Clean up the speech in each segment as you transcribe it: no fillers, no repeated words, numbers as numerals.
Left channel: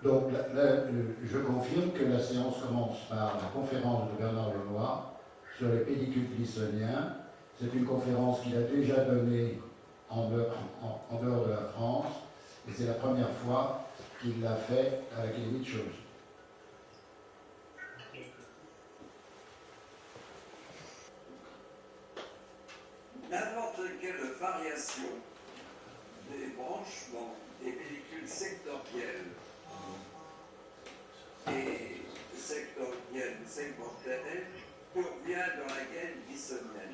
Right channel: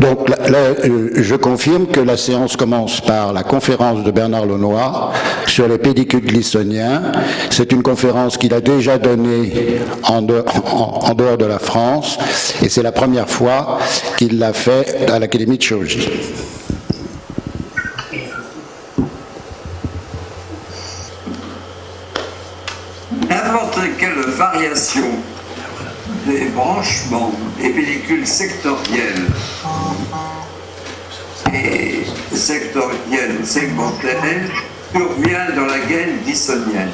Donc, je confirme que la séance commence par la conférence de Bernard Launois sur les pédicules glissoniens. C'est une conférence qu'il a déjà donnée en dehors de la France, et c'est la première fois qu'il l'a fait à l'Académie de chirurgie. N'importe quelle variation des branchements des pellicules sectorielles et segmentaires survient dans la gaine glissonienne.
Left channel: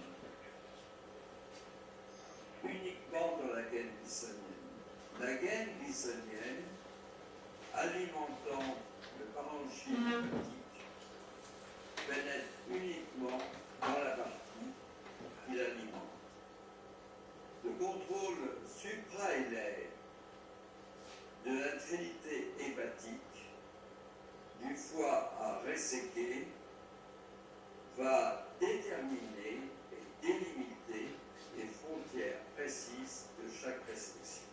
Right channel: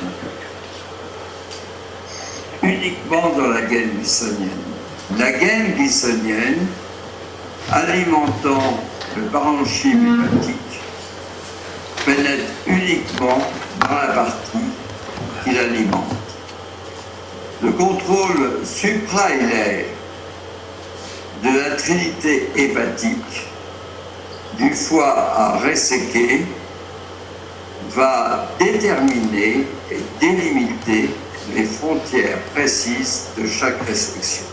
Uniquement dans la gaine glissonienne. La gaine glissonienne, alimentant le parenchyme hépatique, pénètre uniquement dans la partie qui l'alimente. Le contrôle suprahilaire de la trinité hépatique du foie à resséquer va déterminer et délimiter les frontières précises de chaque restriction.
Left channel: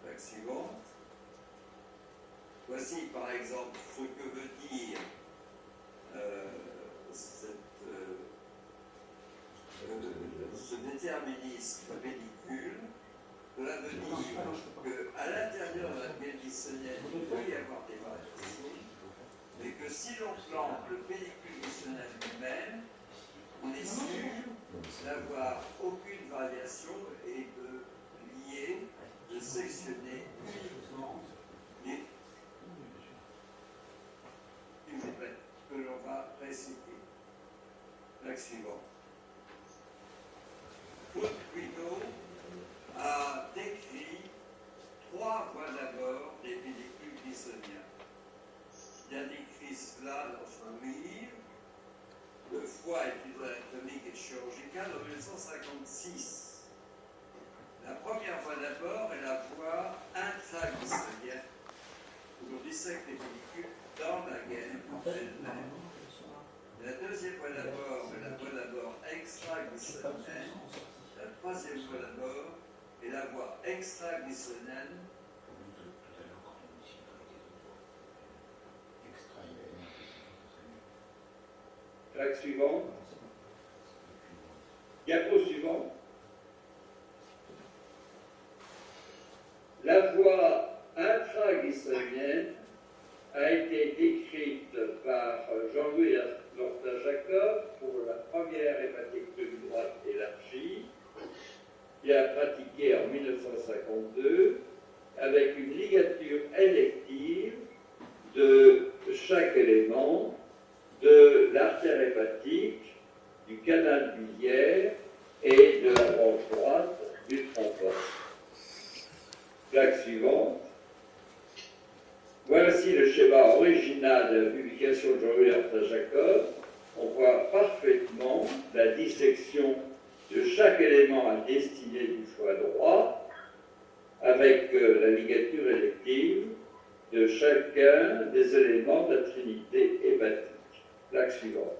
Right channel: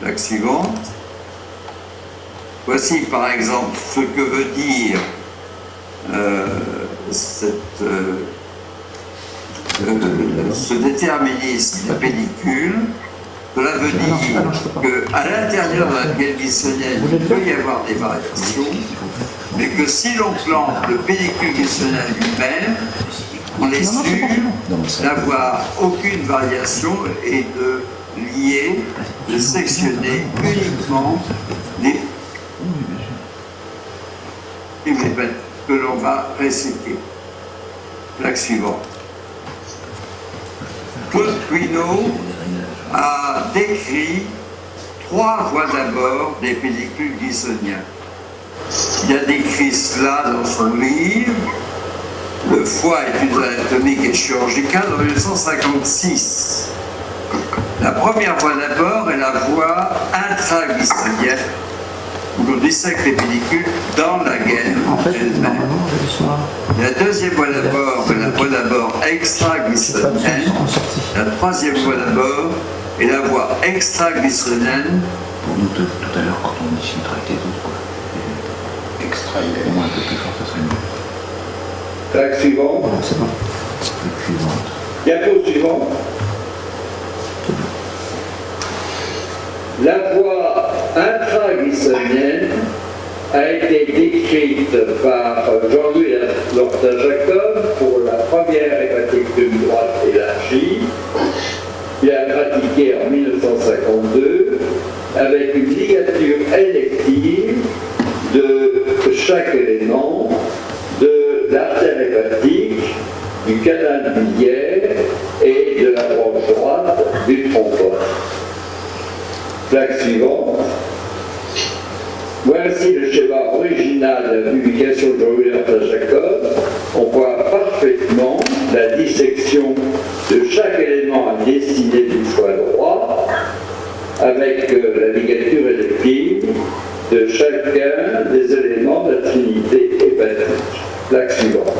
Plaque suivante. Voici par exemple ce que veut dire ce déterminisme des pellicules. Cela veut dire qu'à l'intérieur de la gaine glissonienne, il peut y avoir des variations, mais que si l'on plante le pellicule glissonien lui-même, on est sûr d'avoir aucune variation et de lier, de sectionner uniquement les que l'on va resséquer. Plaque suivante. Claude Puinot a décrit 3 voies d'abord des pellicules glissoniens. Il a décrit cela dans son livre « Le foie, études anatomiques et chirurgicales » en 1956. La première voie d'abord est la voie intraglissonienne, où l'on dissèque les pellicules dans la gaine elle-même. La deuxième voie d'abord est la voie d'abord extraglissonienne. La troisième voie d'abord est la voie extraglissonienne. Pour nous, tout à l'heure, quand on dit filtrate et d'autres, quoi. Extra, il est au moins un peu plus fort, ça serait mieux. Plaque suivante. Non, c'est bon. Plaque suivante. Diapo suivant. La voie intraglissonienne a été décrite par Jean-Louis Lortin-Jacob pour la première hépatectomie droite élargie. Il a pratiqué en 1952 avec une ligature élective de chaque élément de l'artère hépatique, du canal biliaire et de la branche droite du trombone. Plaque suivante. Voici le schéma original de la publication de Jean-Louis Lortin-Jacob. On voit parfaitement la dissection de chaque élément à destinée du foie droit avec la ligature élective de chacun des éléments de la trinité hépatique. Plaque suivante.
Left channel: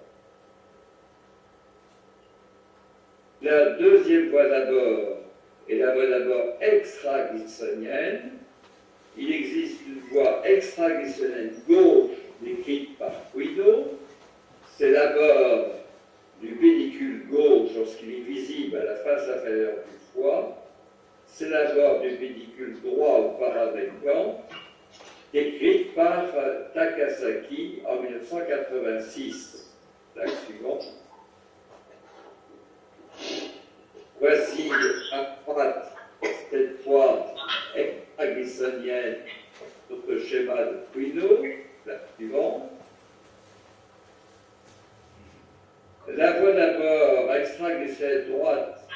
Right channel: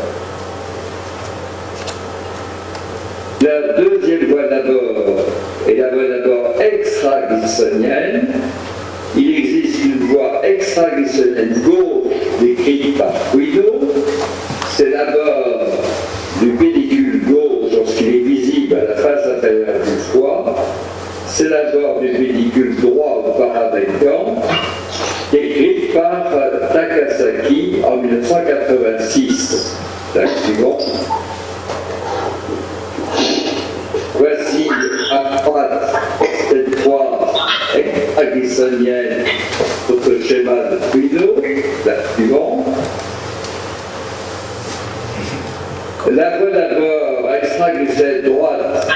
La deuxième voie d'abord est la voie d'abord extraglissonienne. Il existe une voie extraglissonienne gauche décrite par Guido. C'est l'abord du pédicule gauche lorsqu'il est visible à la face inférieure du foie. C'est l'abord du pédicule droit ou paravectant, décrite par Takasaki en 1986. La suivante. Voici à droite cette voie extraglissonienne, notre schéma de Guido, la suivante. La voie d'abord extraglissonienne droite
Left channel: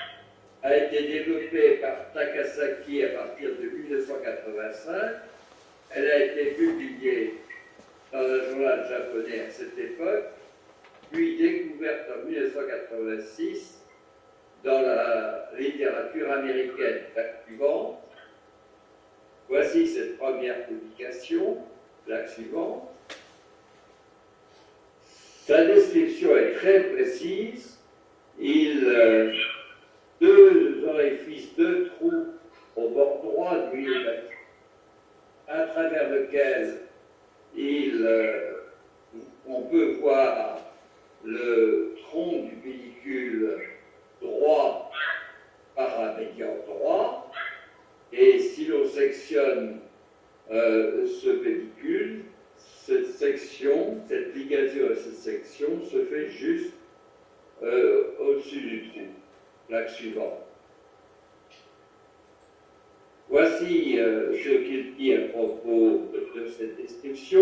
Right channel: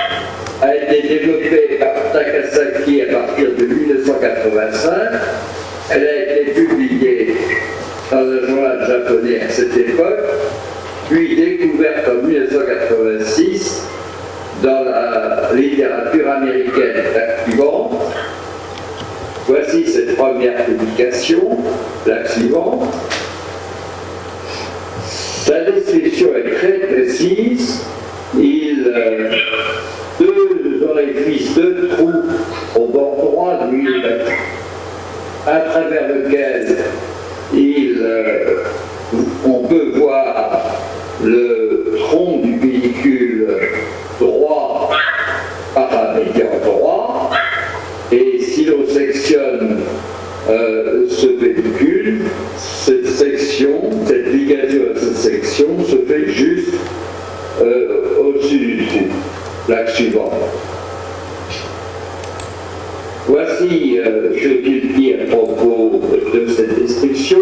a été développée par Takasaki à partir de 1985. Elle a été publiée dans un journal japonais à cette époque, puis découverte en 1986 dans la littérature américaine. La suivante. Voici cette première publication. La suivante. Sa description est très précise. Deux orifices, 2 trous au bord droit de l'huile hépatique. à travers lequel on peut voir le tronc du pédicule droit, paramédian droit, et si l'on sectionne ce pédicule, cette section, cette ligature de cette section se fait juste au-dessus du trou. Plaque suivante. Voici ce qu'il dit à propos de cette description,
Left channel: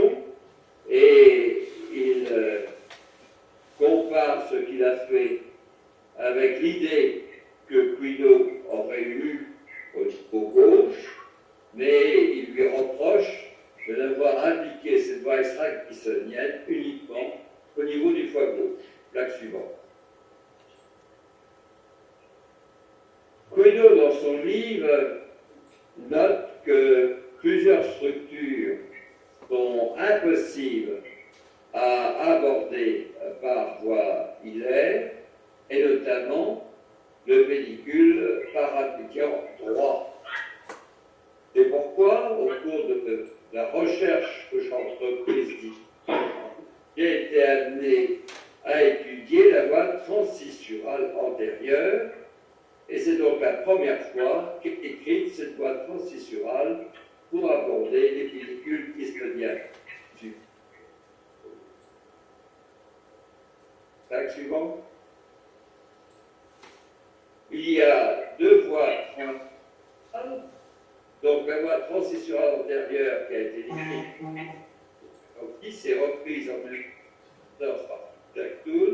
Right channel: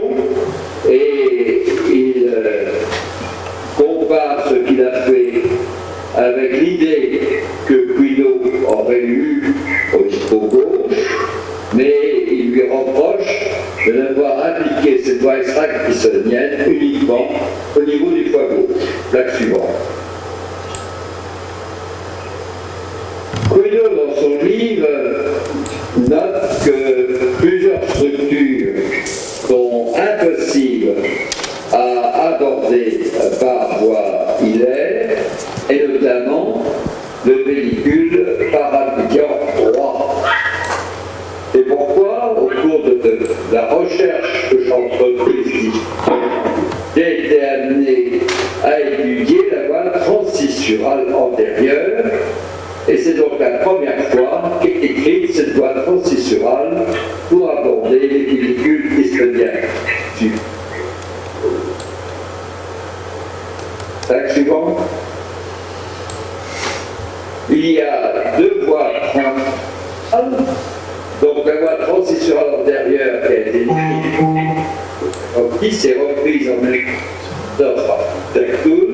et il compare ce qu'il a fait avec l'idée que Guido aurait eue au gauche, mais il lui reproche de n'avoir appliqué cette voie extra-glissonienne uniquement au niveau du foie gauche. Plaque suivante. Guido, dans son livre, note que plusieurs structures sont impossibles à aborder par voie hilaire, et notamment le pédicule paramédian droit. Et pourquoi, au cours de la recherche que j'entreprise, j'ai été amené à étudier la voie transcissurale antérieure, et c'est donc la première fois qu'est écrite cette voie transcissurale pour aborder les pédicules dystopiens. Tac suivant. Il y a deux voies transcissurales. Donc la voie transcissurale antérieure qui a été écrite, qui s'est reprise en 1909 par Dertoul,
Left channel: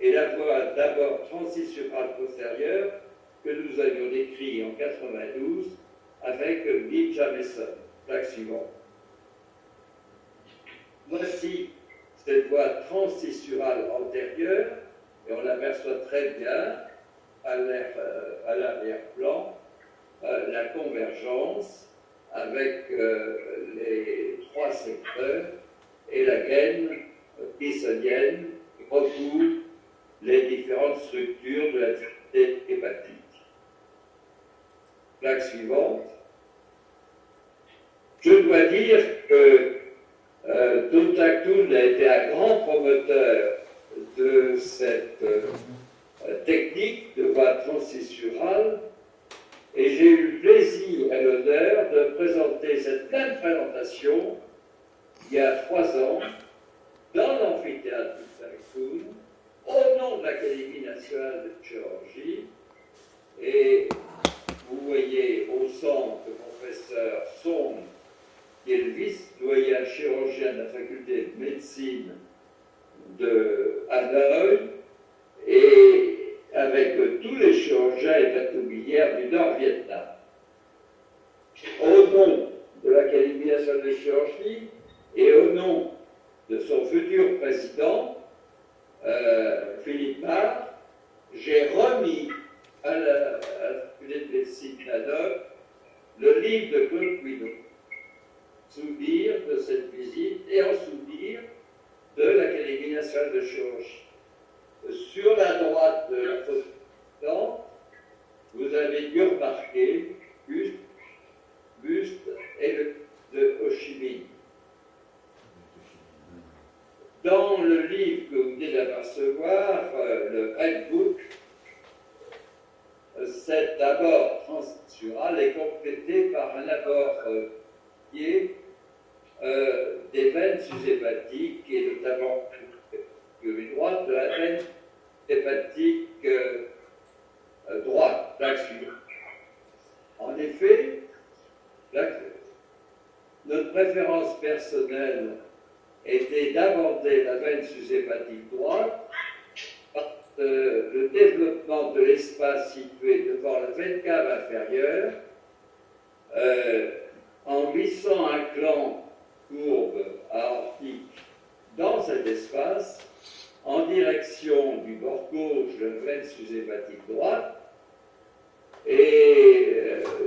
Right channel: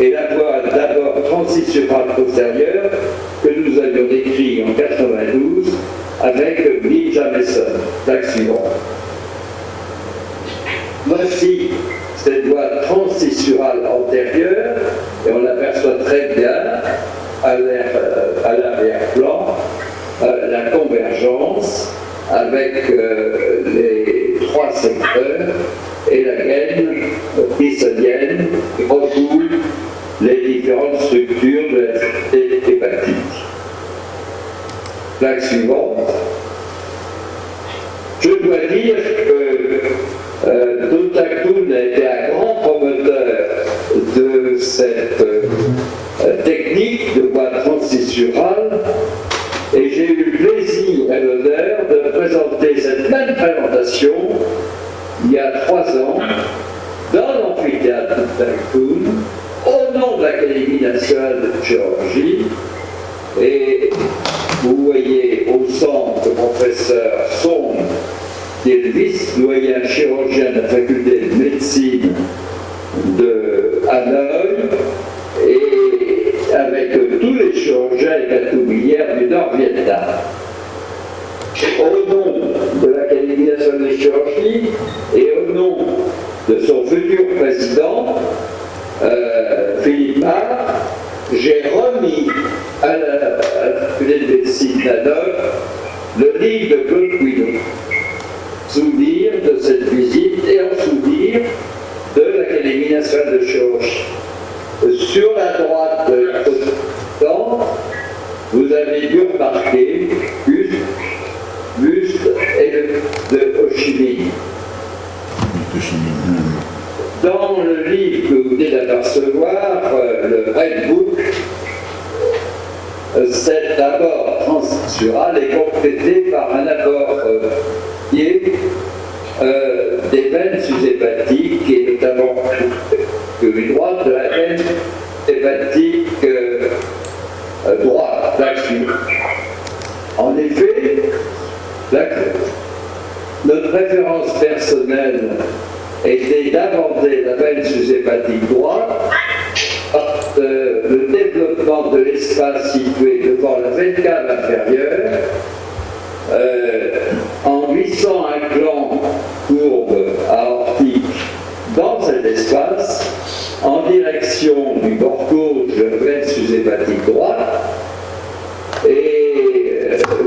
et la voie d'abord transcissurale postérieure que nous avions décrit en 92 avec Bill Jamieson. Plaque suivante. Voici cette voie transcissurale antérieure, et on l'aperçoit très bien à l'arrière-plan, la convergence avec les trois secteurs et la gaine glissonienne qui recoule les différentes structures de la cité hépatique. Plaque suivante. Je dois dire que Toutakoun a été un grand promoteur de cette technique de voie transcissurale, et j'ai eu le plaisir et l'honneur de présenter cette même présentation il y a 3 ans dans l'amphithéâtre de Toutakoun au nom de l'Académie nationale de chirurgie. Et vous voyez au centre le professeur Song, qui est le vice-doyen chirurgien de la faculté de médecine de Hanoï, et avec tous les chirurgiens et patoublières du Nord-Vietnam. Au nom de l'Académie nationale de chirurgie et au nom de son futur président, Philippe Marc, j'ai remis à la faculté de médecine d'Hanoï le livre de Claude Guido. Souvenir de cette visite et en souvenir de l'Académie nationale de chirurgie. Sur la droite de la photo, vous avez dû remarquer buste et de Ho Chi Minh. Dans le livre que vous venez d'apercevoir, le Red Book, cet abord transcissural est complété par un abord des veines sous-hépatiques, et notamment une droite de la veine hépatique droite, là-dessus. En effet, notre référence personnelle était d'aborder la veine sous-hépatique droite par le développement de l'espace situé devant la veine cave inférieure, en glissant un gland courbe aortique dans cet espace en direction du bord gauche de la veine sous-hépatique droite. Et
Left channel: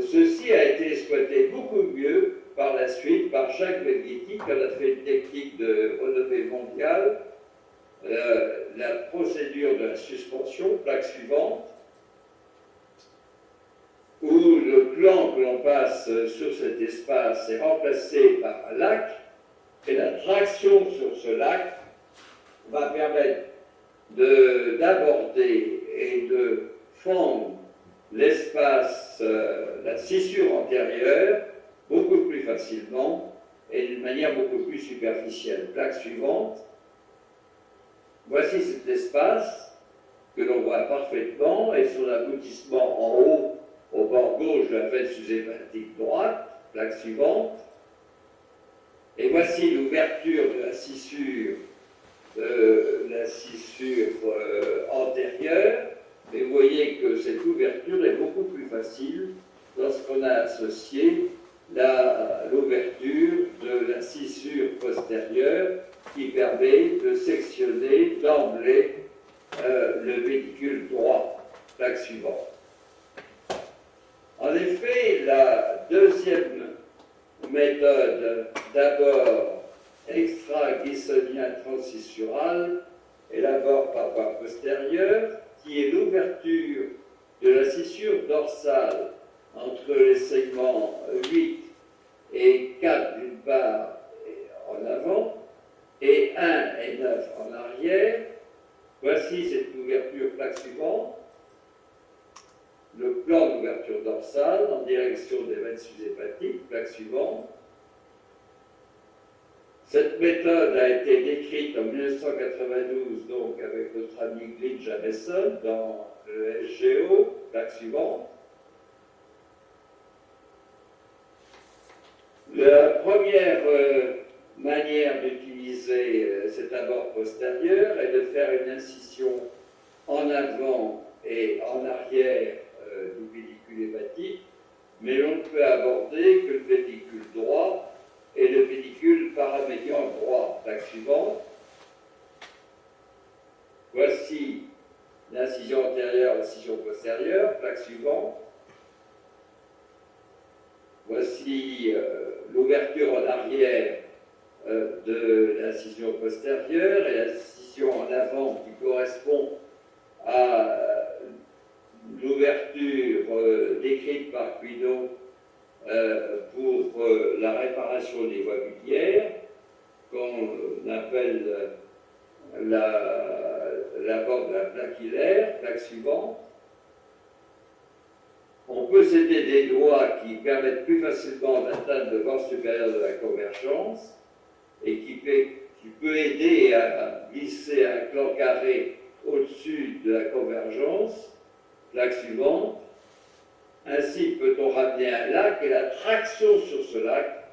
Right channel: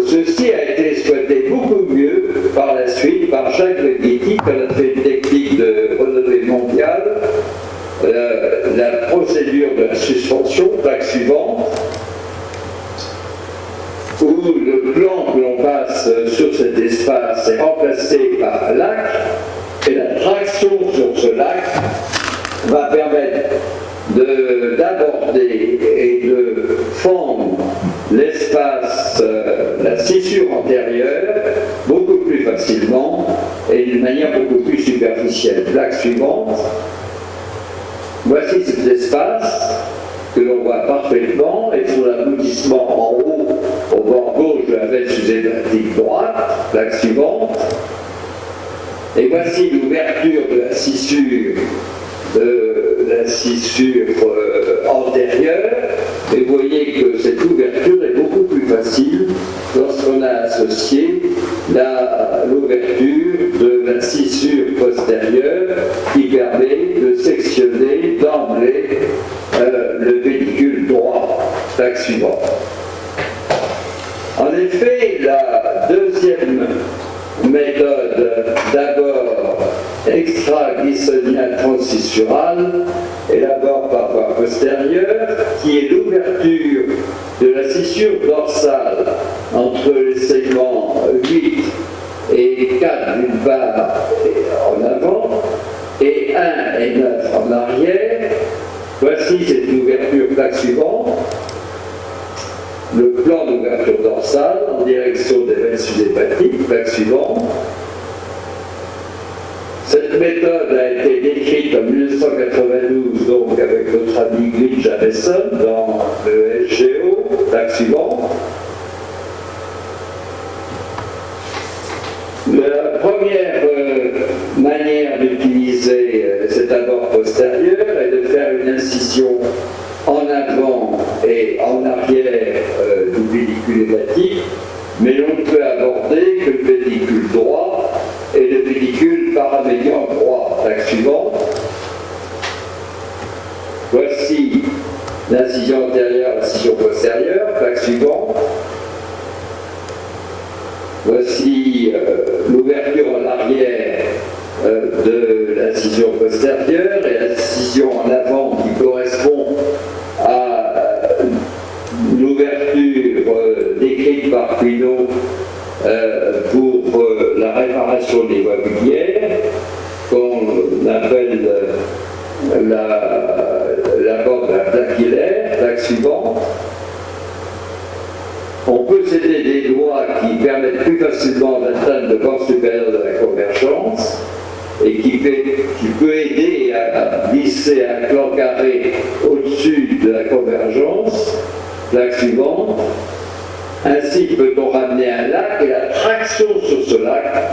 ceci a été exploité beaucoup mieux par la suite par Jacques Leggetti, quand on a fait une technique de renommée mondiale, la procédure de la suspension, plaque suivante, où le plan que l'on passe sur cet espace est remplacé ce lac va permettre d'aborder et de fendre l'espace, la scissure antérieure, beaucoup plus facilement et d'une manière beaucoup plus superficielle. Plaque suivante. Voici cet espace que l'on voit parfaitement et son aboutissement en haut, au bord gauche de la veine sous-hépatique droite. Plaque suivante. Et voici l'ouverture de la scissure antérieure, et vous voyez que cette ouverture est beaucoup plus facile lorsqu'on a associé l'ouverture de la scissure postérieure qui permet de sectionner d'emblée le pédicule droit. Plaque suivante. En effet, la deuxième méthode, d'abord extra-glissoniale transsissurale, et d'abord par voie postérieure, qui est l'ouverture de la scissure dorsale entre les segments 8 et 4 d'une part en avant, et 1 et 9 en arrière. Voici cette ouverture. Plaque suivante. Le plan d'ouverture dorsale en direction des veines sous-hépatiques. Plaque suivante. Cette méthode a été décrite en 1992 donc avec notre ami Glyn Jameson dans le SGO. Plaque suivante. La première manière d'utiliser cet abord postérieur est de faire une incision en avant et en arrière du pédicule hépatique, mais l'on ne peut aborder que le pédicule droit et le pédicule paramédian droit. Plaque suivante. Voici l'incision antérieure, l'incision postérieure. Plaque suivante. Voici l'ouverture en arrière de l'incision postérieure et l'incision en avant qui correspond à l'ouverture décrite par Quinault pour la réparation des voies biliaires, qu'on appelle la bande plaquillaire. Plaque suivante. On peut céder des doigts qui permettent plus facilement d'atteindre le bord supérieur de la convergence et qui peut aider à glisser un clan carré au-dessus de la convergence. Plaque suivante. Ainsi peut-on ramener un lac et la traction sur ce lac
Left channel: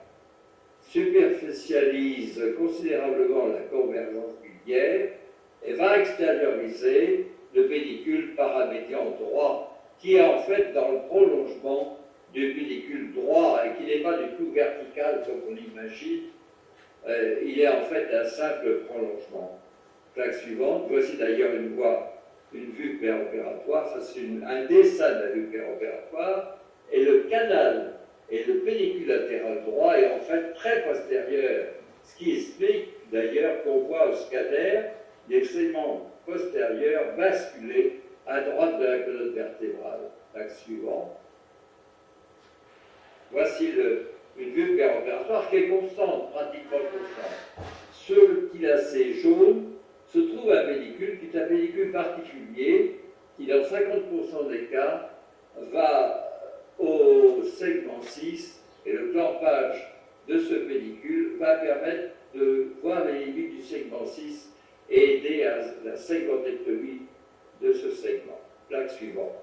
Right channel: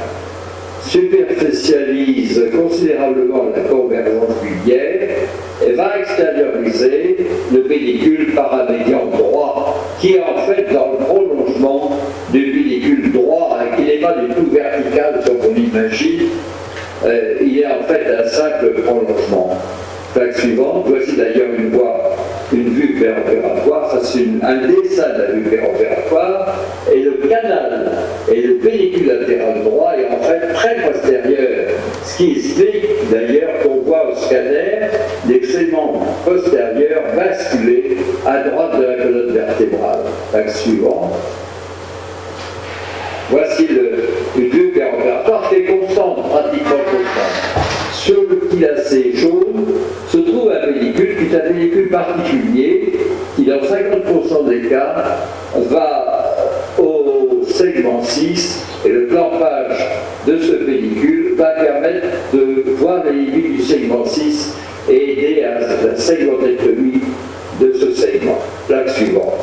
superficialise considérablement la convergence biliaire et va extérioriser le pédicule paramédian droit qui est en fait dans le prolongement du pédicule droit et qui n'est pas du tout vertical comme on l'imagine. Il est en fait un simple prolongement. Plaque suivante. Voici d'ailleurs une vue péropératoire. Ça c'est un dessin de la vue péropératoire. Et le canal et le pédicule latéral droit est en fait très postérieur. Ce qui explique d'ailleurs qu'on voit au scanner des segments postérieurs basculer à droite de la colonne vertébrale. Plaque suivante. Voici une vue péropératoire qui est constante, pratiquement constante. Sur le petit lacet jaune se trouve un pédicule qui est un pédicule particulier qui, dans 50% des cas, va au segment 6 et le clampage de ce pédicule va permettre de voir les limites du segment 6 et aider à la segmenectomie de ce segment. Plaque suivante.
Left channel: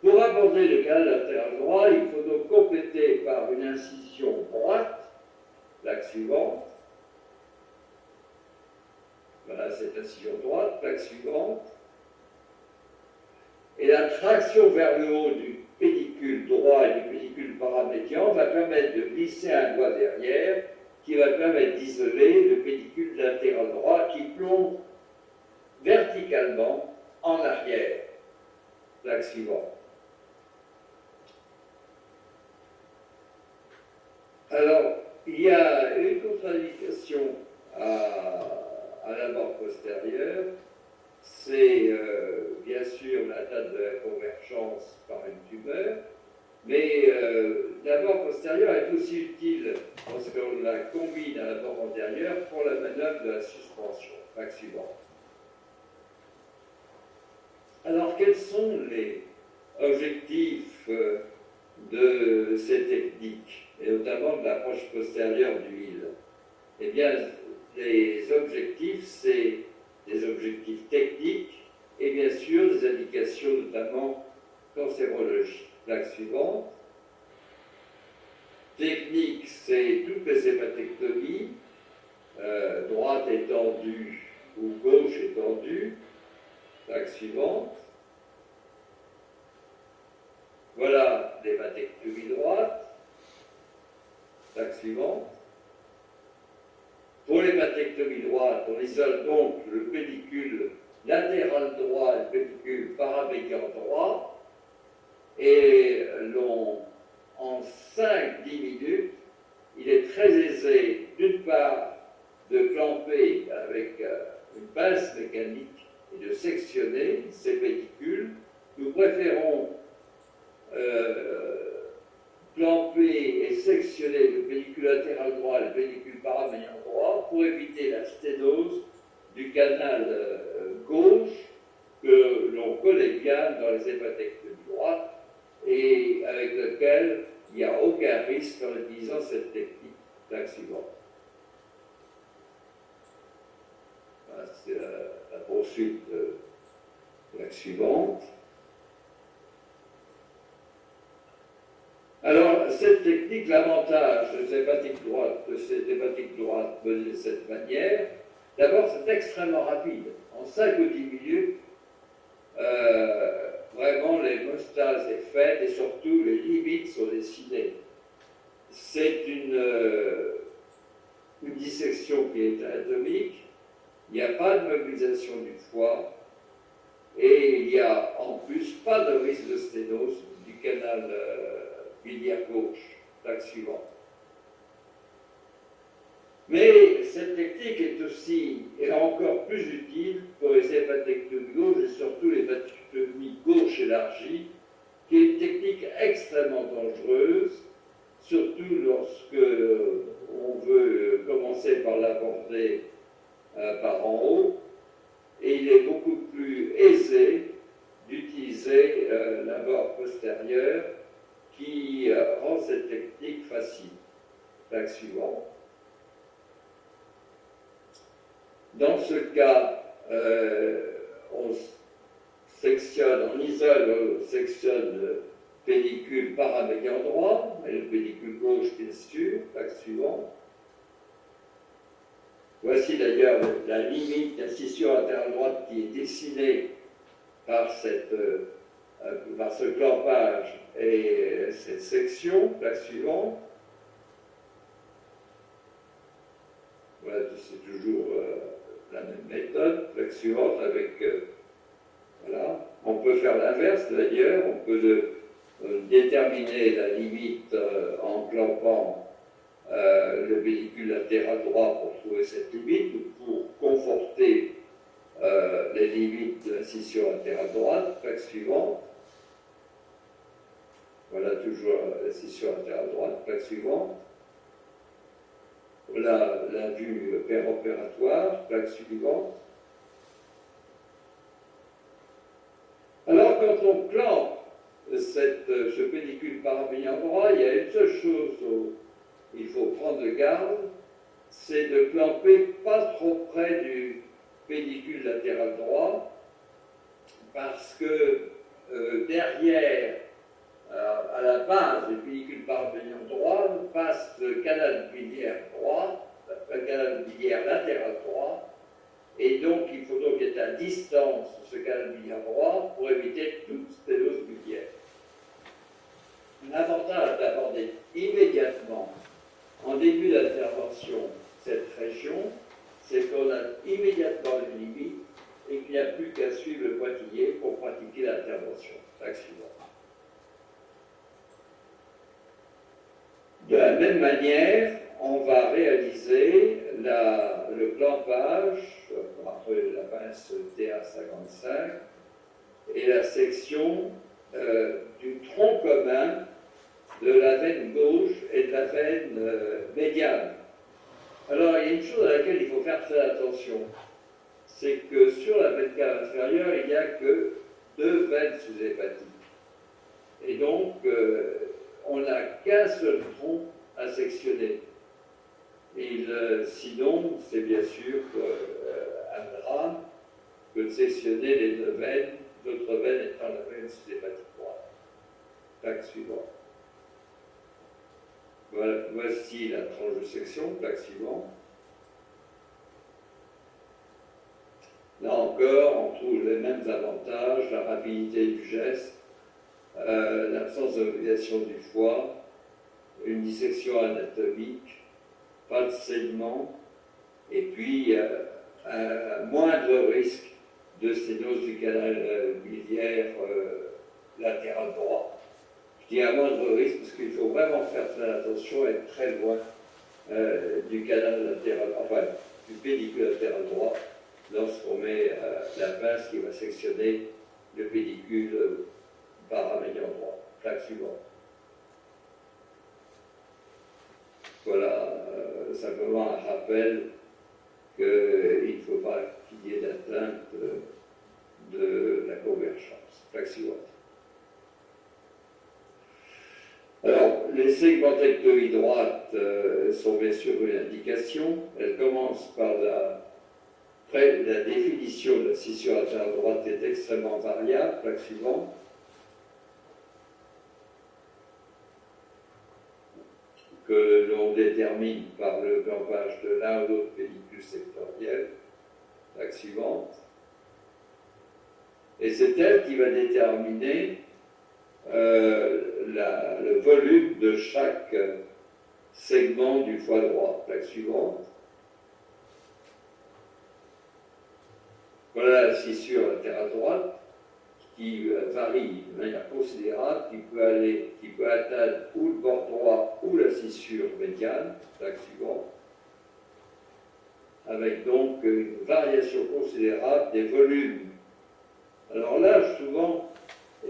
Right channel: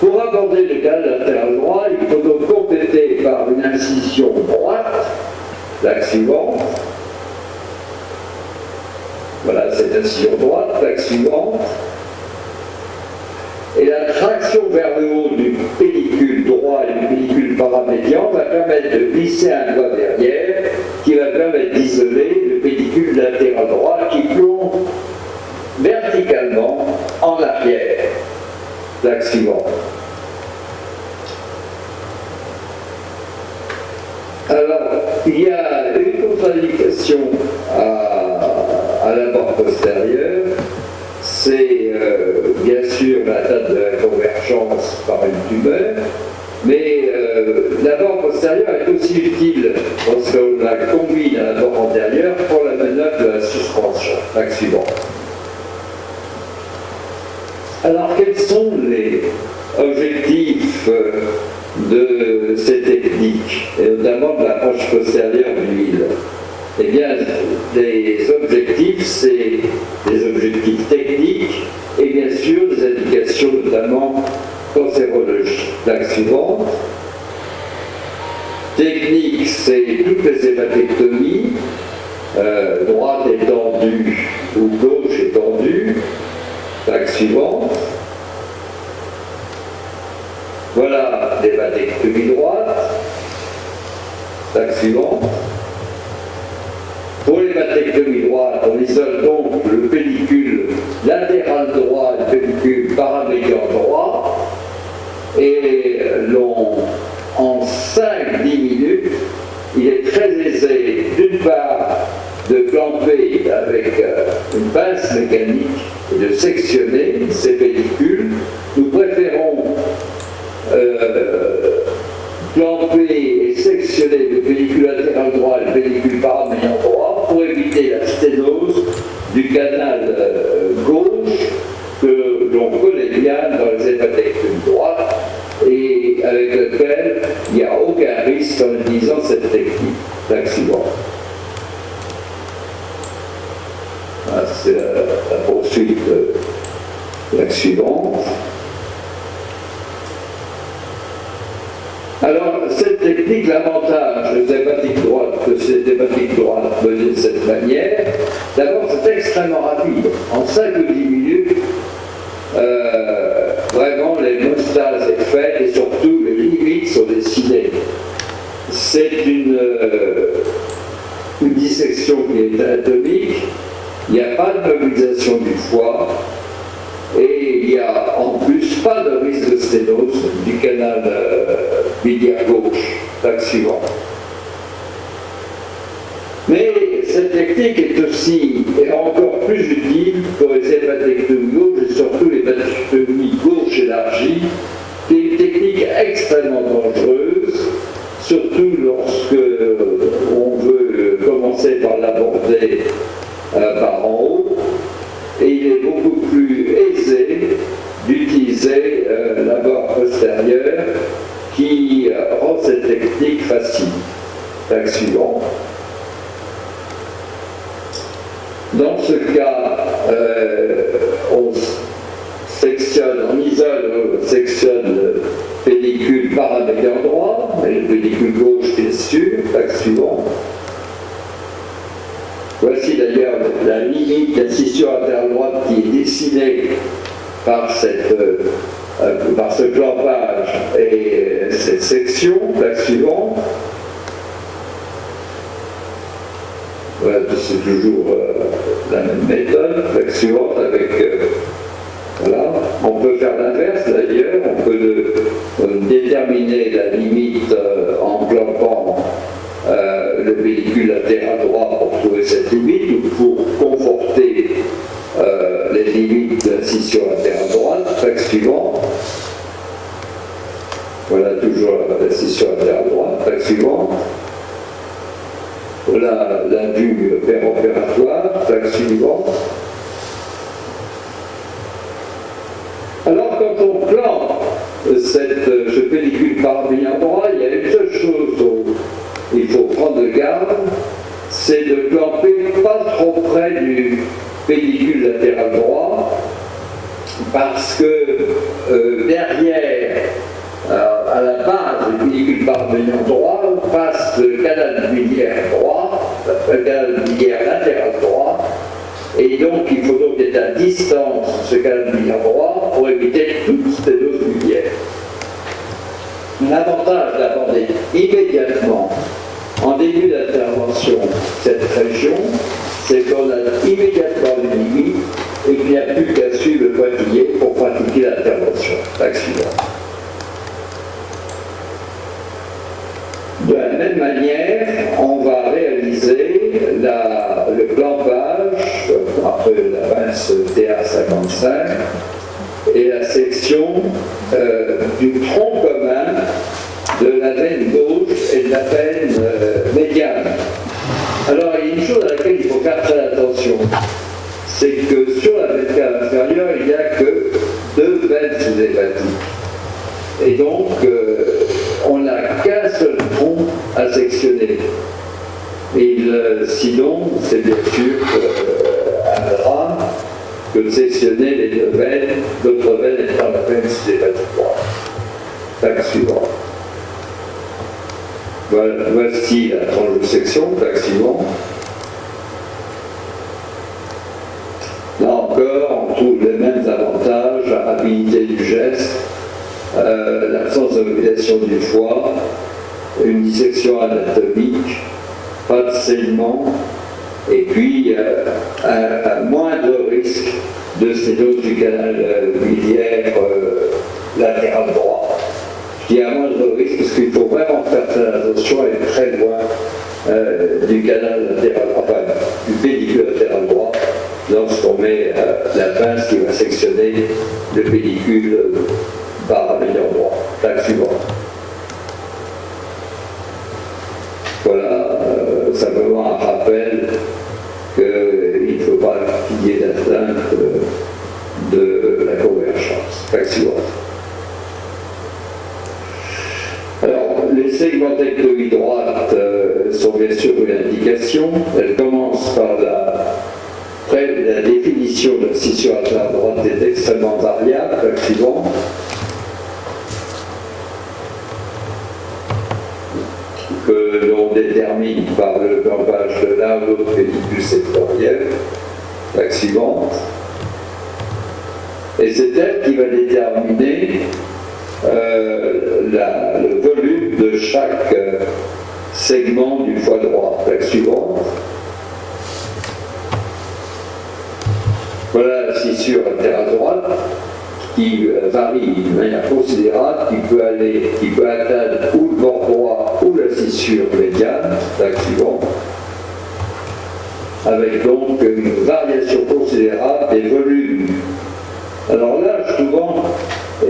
Pour aborder le canal latéral droit, il faut donc compléter par une incision droite. Plaque suivante. Voilà cette incision droite. Plaque suivante. Et la traction vers le haut du pédicule droit et du pédicule paramédian va permettre de glisser un doigt derrière qui va permettre d'isoler le pédicule latéral droit qui plonge verticalement en arrière. Plaque suivante. Alors, il y a une contre-indication à l'abord postérieur, c'est bien sûr l'atteinte de la convergence par une tumeur, mais l'abord postérieur est aussi utile lorsqu'on la combine branche postérieure du huile. Eh bien, les objectifs, c'est des objectifs techniques et bien sûr des indications notamment cancérologiques. L'axe suivant. Technique, c'est toutes les hématectomies, droite étendue ou gauche étendue. L'axe suivant. Voilà l'hématectomie droite. L'axe suivant. Pour l'hématectomie droite, on isole donc le pédicule latéral droit et le pédicule paramédian droit. Et en 5-10 minutes, il est très aisé, d'une part, de clamper avec une pince mécanique et de sectionner ces pédicules. Nous préférons clamper et sectionner le pédicule latéral droit et le pédicule paramédian droit pour éviter la sténose du canal gauche que l'on connaît bien dans les hématectomies droites et avec lequel il n'y a aucun risque en utilisant cette technique d'accident. Voilà, c'est la poursuite de l'axe suivante. Alors, cette technique, l'avantage des hépatiques droites, que ces hépatiques droites menées de cette manière, d'abord, c'est extrêmement rapide. En 5 ou 10 minutes, vraiment, l'hémostase est faite et surtout, les limites sont dessinées. C'est une dissection qui est anatomique, il n'y a pas de mobilisation du foie, et il n'y a en plus pas de risque de sténose du canal biliaire gauche. L'axe suivant. Mais cette technique est encore plus utile pour les hépatectomies gauche et surtout les hépatectomies gauche élargies, qui est une technique extrêmement dangereuse, surtout lorsque on veut commencer par l'aborder par en haut. Et il est beaucoup plus aisé d'utiliser l'abord postérieur qui rend cette technique facile. L'axe suivant. Dans ce cas, on sectionne le pédicule paramédian droit et le pédicule gauche bien sûr. L'axe suivant. Voici d'ailleurs la limite de la scission latérale droite qui est dessinée par ce clampage et cette section. L'axe suivant. Voilà, c'est toujours la même méthode. L'axe suivante avec. Voilà. On peut faire l'inverse d'ailleurs, on peut déterminer la limite en clampant le pédicule latéral droit pour trouver cette limite ou pour conforter les limites de la scission latérale droite. L'axe suivant. Voilà toujours la scission latérale droite. L'axe suivant. Voilà la vue péropératoire. L'axe suivant. Alors quand on plante ce pédicule paramédian droit, il y a une seule chose dont il faut prendre garde, c'est de clamper pas trop près du pédicule latéral droit, parce que derrière, à la base du pédicule paramédian droit, passe le canal biliaire droit, le canal biliaire latéral droit, et donc il faut donc être à distance de ce canal biliaire droit pour éviter toute sténose biliaire. L'avantage d'aborder immédiatement, en début d'intervention, cette région, c'est qu'on a immédiatement une limite et qu'il n'y a plus qu'à suivre le pointillé pour pratiquer l'intervention. L'axe suivant. De la même manière, on va réaliser le clampage, après la pince TA55, et la section du tronc commun de la veine gauche et de la veine médiane. Alors, il y a une chose à laquelle il faut faire très attention, c'est que sur la veine cave inférieure, il n'y a que 2 veines sous-hépatiques. Et donc, on n'a qu'un seul tronc à sectionner. Sinon, c'est bien sûr un drame que de sectionner les deux veines, l'autre veine étant la veine sidératoire. Plaque suivante. Voici la tranche de section, plaque suivante. Là encore, on trouve les mêmes avantages, la rapidité du geste, l'absence de mobilisation du foie, une dissection anatomique, pas de saignement, et puis un moindre risque de sténose du canal biliaire latéral droit. Je dis un moindre risque parce qu'il faut vraiment faire très attention à être très loin du canal latéral, enfin du pédicule latéral droit, lorsqu'on met la pince qui va sectionner le pédicule paramédian droit. Plaque suivante. Voilà, simplement un rappel qu'il ne faut pas qu'il y ait d'atteinte de la convergence. Plaque suivante. Alors, les segmentectomies droites sont bien sûr une indication. Elles commencent par la définition de la scission latérale droite est extrêmement variable. Plaque suivante. Que l'on détermine par le clampage de l'un ou l'autre pédicule sectoriel. Plaque suivante. Et c'est elle qui va déterminer le volume de chaque segment du foie droit. Plaque suivante. Voilà la scissure latérale droite qui varie de manière considérable, qui peut atteindre ou le bord droit ou la scissure médiane, plaque suivante, avec donc une variation considérable des volumes. Alors là, souvent,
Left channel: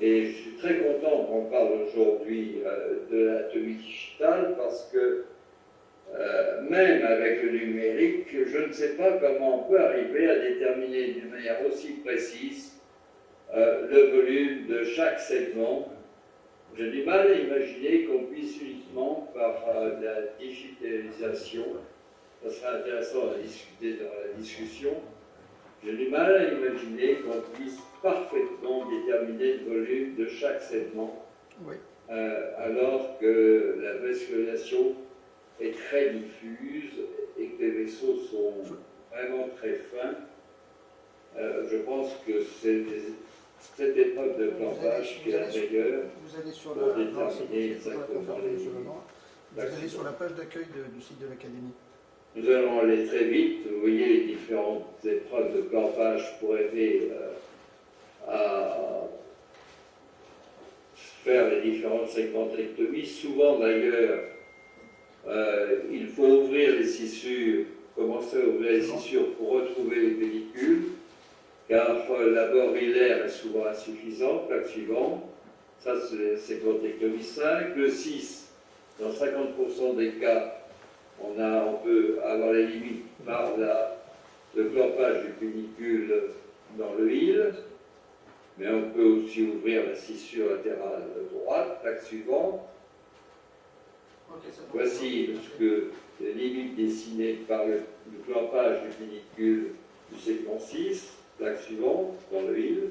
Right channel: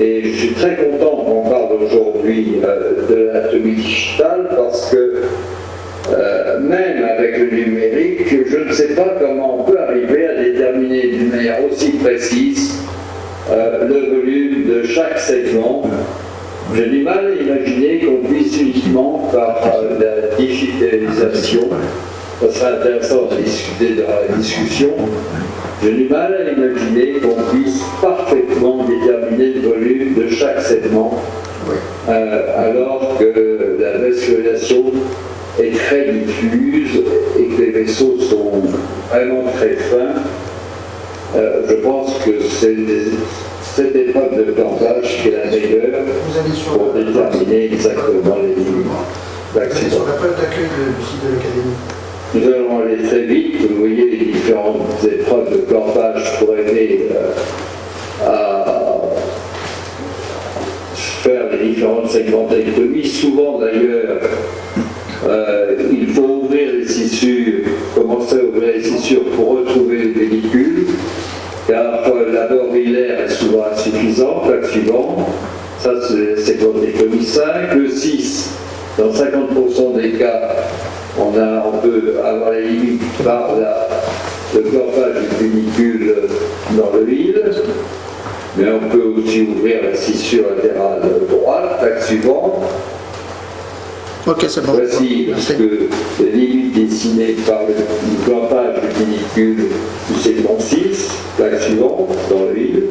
et je suis très content qu'on parle aujourd'hui de l'anatomie digitale parce que même avec le numérique, je ne sais pas comment on peut arriver à déterminer d'une manière aussi précise le volume de chaque segment. J'ai du mal à imaginer qu'on puisse uniquement par la digitalisation, ça serait intéressant de discuter dans la discussion, j'ai du mal à imaginer qu'on puisse parfaitement déterminer le volume de chaque segment, alors que la vascularisation est très diffuse et que les vaisseaux sont vraiment très fins. Je pense que c'est cette épreuve de clampage qui est la meilleure pour déterminer exactement les limites d'accident. Sur la preuve d'accueil du site de l'Académie. Nous allons aller très vite. Vous voyez les différentes épreuves de clampage pour aider à faire les différentes segmentectomies. Souvent d'ailleurs, il faut ouvrir les scissures, commencer à ouvrir les scissures pour retrouver les pellicules, car l'abord hilaire est souvent insuffisant. Plaque suivante. Ça, c'est segmentectomie 5. Le 6, dans 50% des cas, on peut avoir les limites par le clampage du pédicule dans le huile, mais on peut aussi ouvrir la scissure latérale droite. Plaque suivante. Ok, c'est bon. Voici les limites dessinées par le clampage du pédicule du segment 6, plaque suivante, dans l'huile.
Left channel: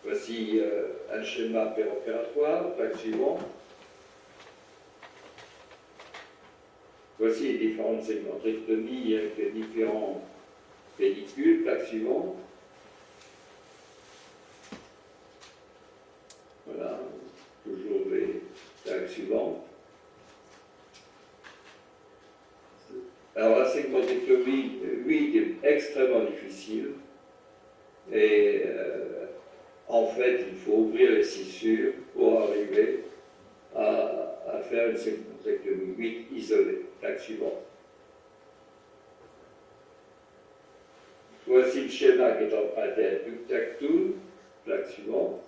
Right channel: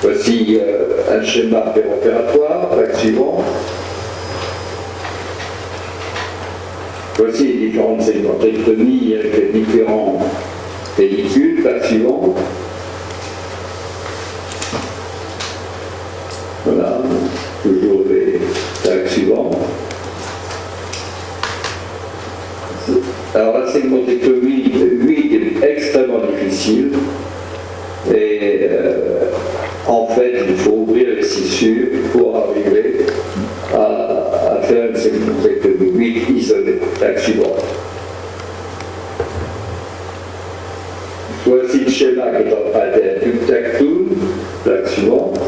Voici un schéma péropératoire, plaque suivante. Voici les différentes segmentectomies avec les différents pellicules, plaque suivante. Voilà, toujours les plaques suivantes. Alors la segmentectomie 8 est extrêmement difficile et en fait il faut ouvrir les scissures pour arriver à faire une segmentectomie 8 isolée. Plaque suivante. Voici le schéma qui est en train d'être ductactum. Plaque suivante.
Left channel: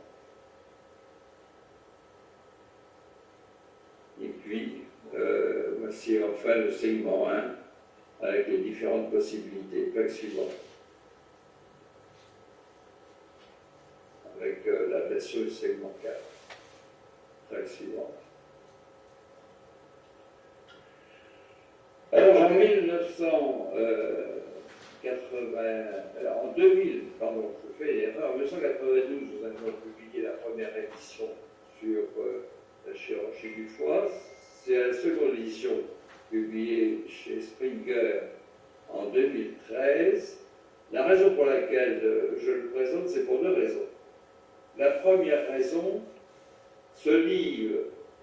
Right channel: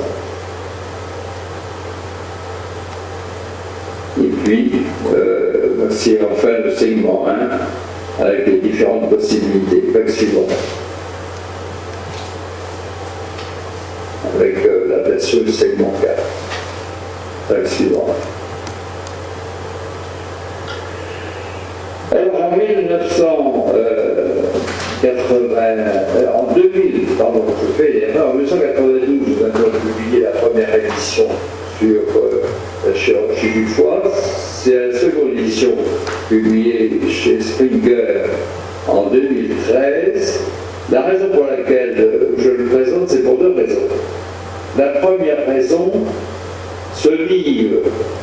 Et puis, voici enfin le segment 1 avec les différentes possibilités. Plaque suivante. Avec la version du segment 4. Plaque suivante. Alors en 2000, pardon, je fais l'erreur, en 1992, nous avons publié la première édition sur la chirurgie du foie. C'est la seconde édition publiée chez Springer en 2013. La raison pour laquelle je le présente, c'est pour deux raisons. La première raison, ce livre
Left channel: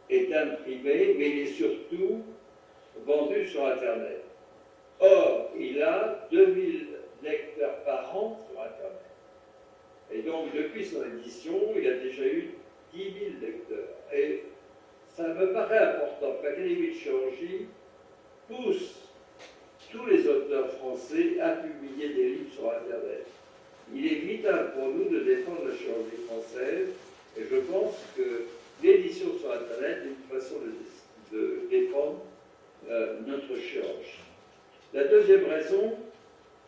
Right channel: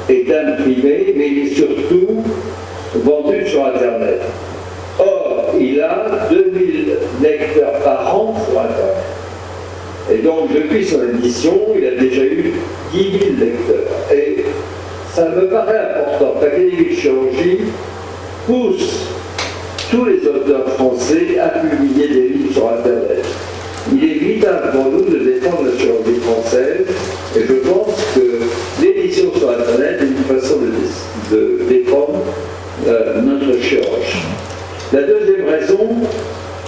est imprimé, mais il est surtout vendu sur Internet. Or, il a 2000 lecteurs par an sur Internet. Et donc, depuis son édition, il a déjà eu 10 000 lecteurs. Et ça me paraît important. L'Académie de chirurgie pousse tous les auteurs français à publier des livres sur Internet. Il est vital pour nous de défendre la chirurgie française, et je pense que l'édition sur Internet est une façon de défendre notre chirurgie. La deuxième raison,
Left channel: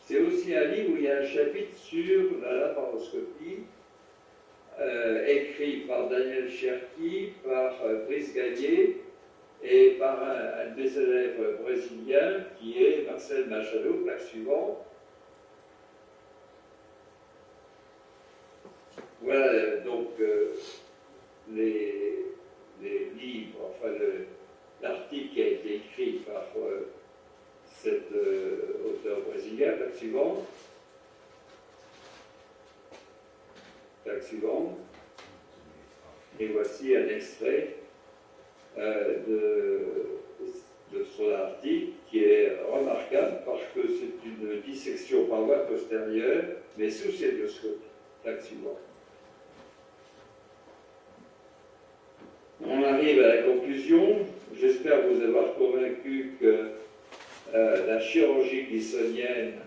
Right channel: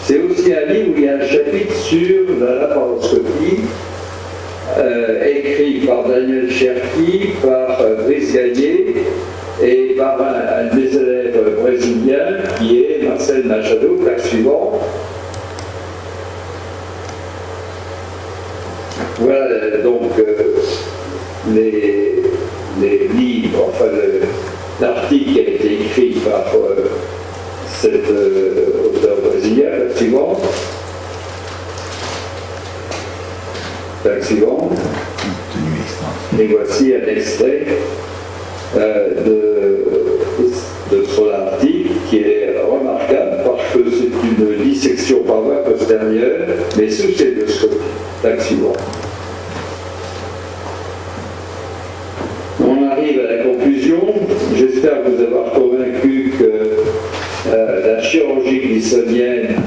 c'est aussi un livre où il y a un chapitre sur la laparoscopie, écrit par Daniel Cherki, par Brice Gagné et par un des élèves brésiliens qui est Marcel Machado, plaque suivante. Voilà donc les livres, enfin l'article qui a été écrit par cet auteur brésilien, la suivante. Et voici un extrait de son article qui est remarquable parce que c'est une dissection par voie postérieure, mais sous stéthoscopie. Suivant. On arrive à la conclusion. J'espère vous avoir convaincu que la chirurgie glissonienne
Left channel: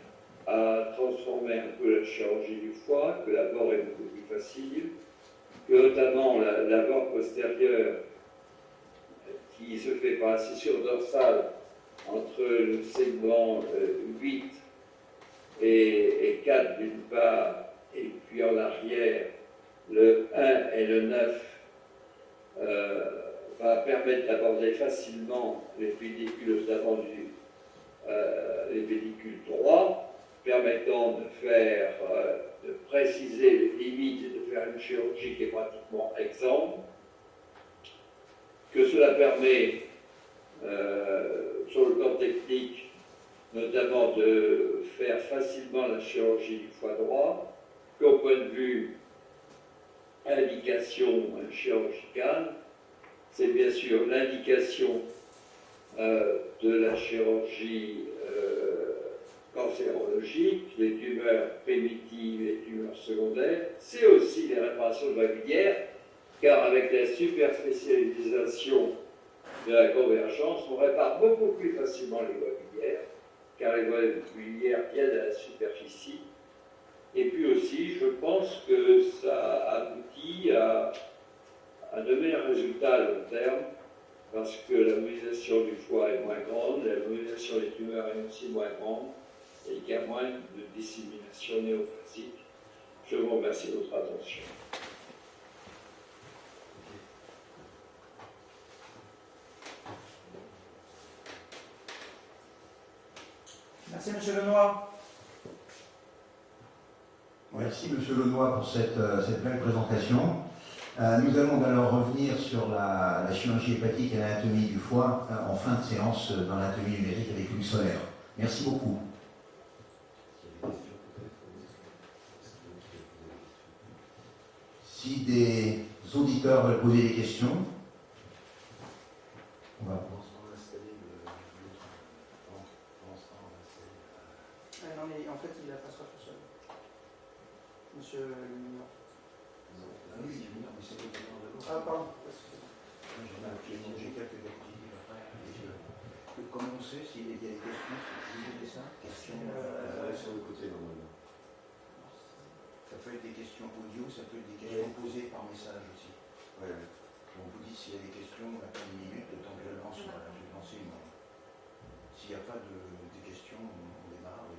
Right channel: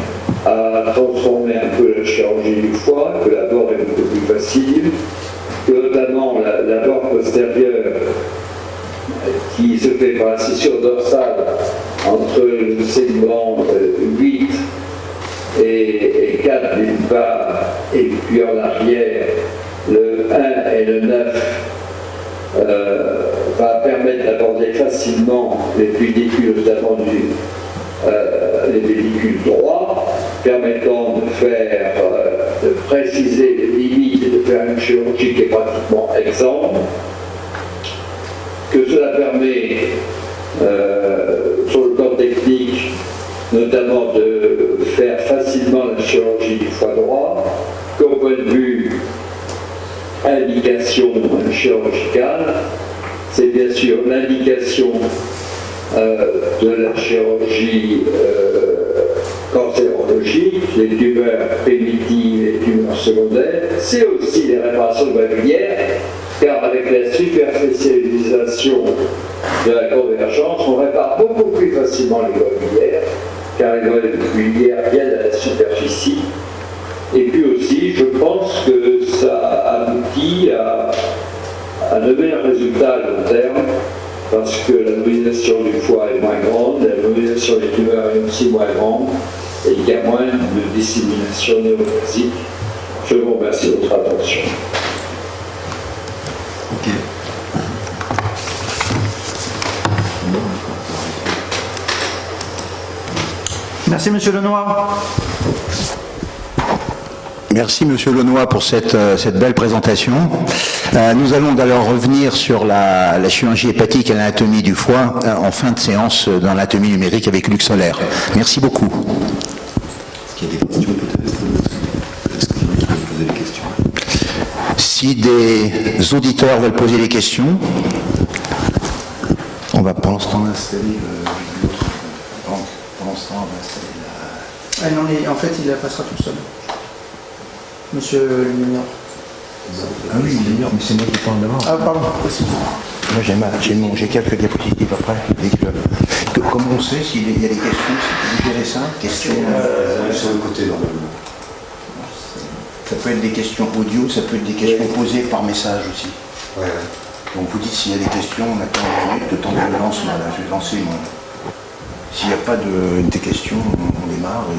a transformé un peu la chirurgie du foie, que la bord est beaucoup plus facile, que notamment la bord postérieure qui se fait par la scissure dorsale entre le segment 8 et 4 d'une part, et puis en arrière, le 1 et le 9 va permettre d'aborder facilement les pédicules, notamment les pédicules droits, permettant de préciser les limites et de faire une chirurgie qui est pratiquement exempte. Que cela permet, sur le plan technique, notamment de faire facilement la chirurgie du foie droit, qu'au point de vue indication chirurgicale, c'est bien sûr l'indication de la chirurgie cancérologique, les tumeurs primitives et les tumeurs secondaires, c'est aussi les réparations globulaires, car avec la superficialisation de la convergence, on répare beaucoup plus facilement les globulaires, car les globulaires viennent à la superficie. Et puis aussi, je pense que ça aboutit à de meilleurs résultats à long terme, parce que la mobilisation du foie est moins grande, la mobilisation des tumeurs est aussi moins grande, et il y a moins de dissémination néoplasique. Je vous remercie de votre attention. Ok. Merci, Monsieur Lenoir. Merci Monsieur Lenoir pour cette belle présentation. Nous allons d'ailleurs revenir sur la chirurgie hépatique et l'anatomie du foie en fin de séance dans l'anatomie numérique avec Luc Solaire. Merci beaucoup. Est-ce qu'il y a des questions peut-être? Est-ce qu'il y en a qui veulent poser des questions? Si des auditeurs veulent poser des questions, on va pour l'instant installer l'autre. Pour l'instant, on va installer la... Ah non, en fait, il la passera tout seul. Monsieur le Lumière. Ah oui, d'ailleurs, mais c'est moi qui parle d'abord. Ah, pardon. Moi, j'ai quelques diapositives après. Comment on sait s'il y a des questions, si vous gérez ça? Questions Sur le côté, normalement. Ça peut être des questions audio, ça peut être des questions posées par message aussi. Ouais. Donc vous dites s'il y a des questions, on attend 1 minute, le temps que je lance, voilà, je vais lancer mon... S'il n'y a pas des questions, on démarre et...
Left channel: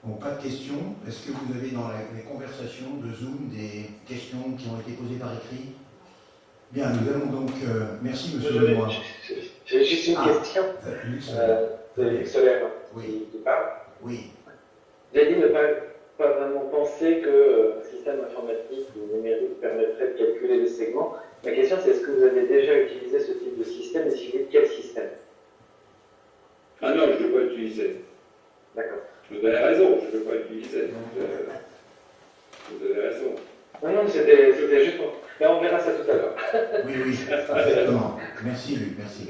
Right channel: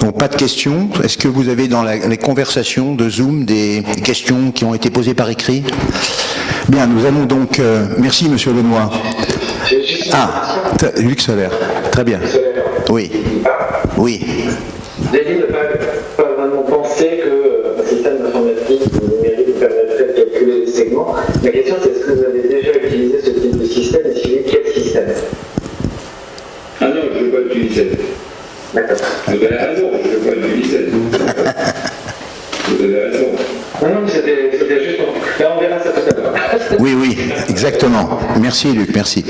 Donc pas de questions. Est-ce que vous avez dans les conversations de Zoom des questions qui ont été posées par écrit? Bien, nous allons donc... merci Monsieur Lenoir. Luc Solaire, très bien. Oui, oui. J'ai dit ne pas vraiment penser qu'un système d'informatique numérique permettrait de calculer les segments. Ma question, c'est est-ce que vous avez déjà utilisé ce type de système et si oui, quel système? Ah non, je ne vais pas utiliser. D'accord. Vous avez raison, je ne vais pas utiliser. Vous avez raison. Non, c'était juste pour... On verra ça tout à l'heure. Oui, exactement. Merci Luc, merci.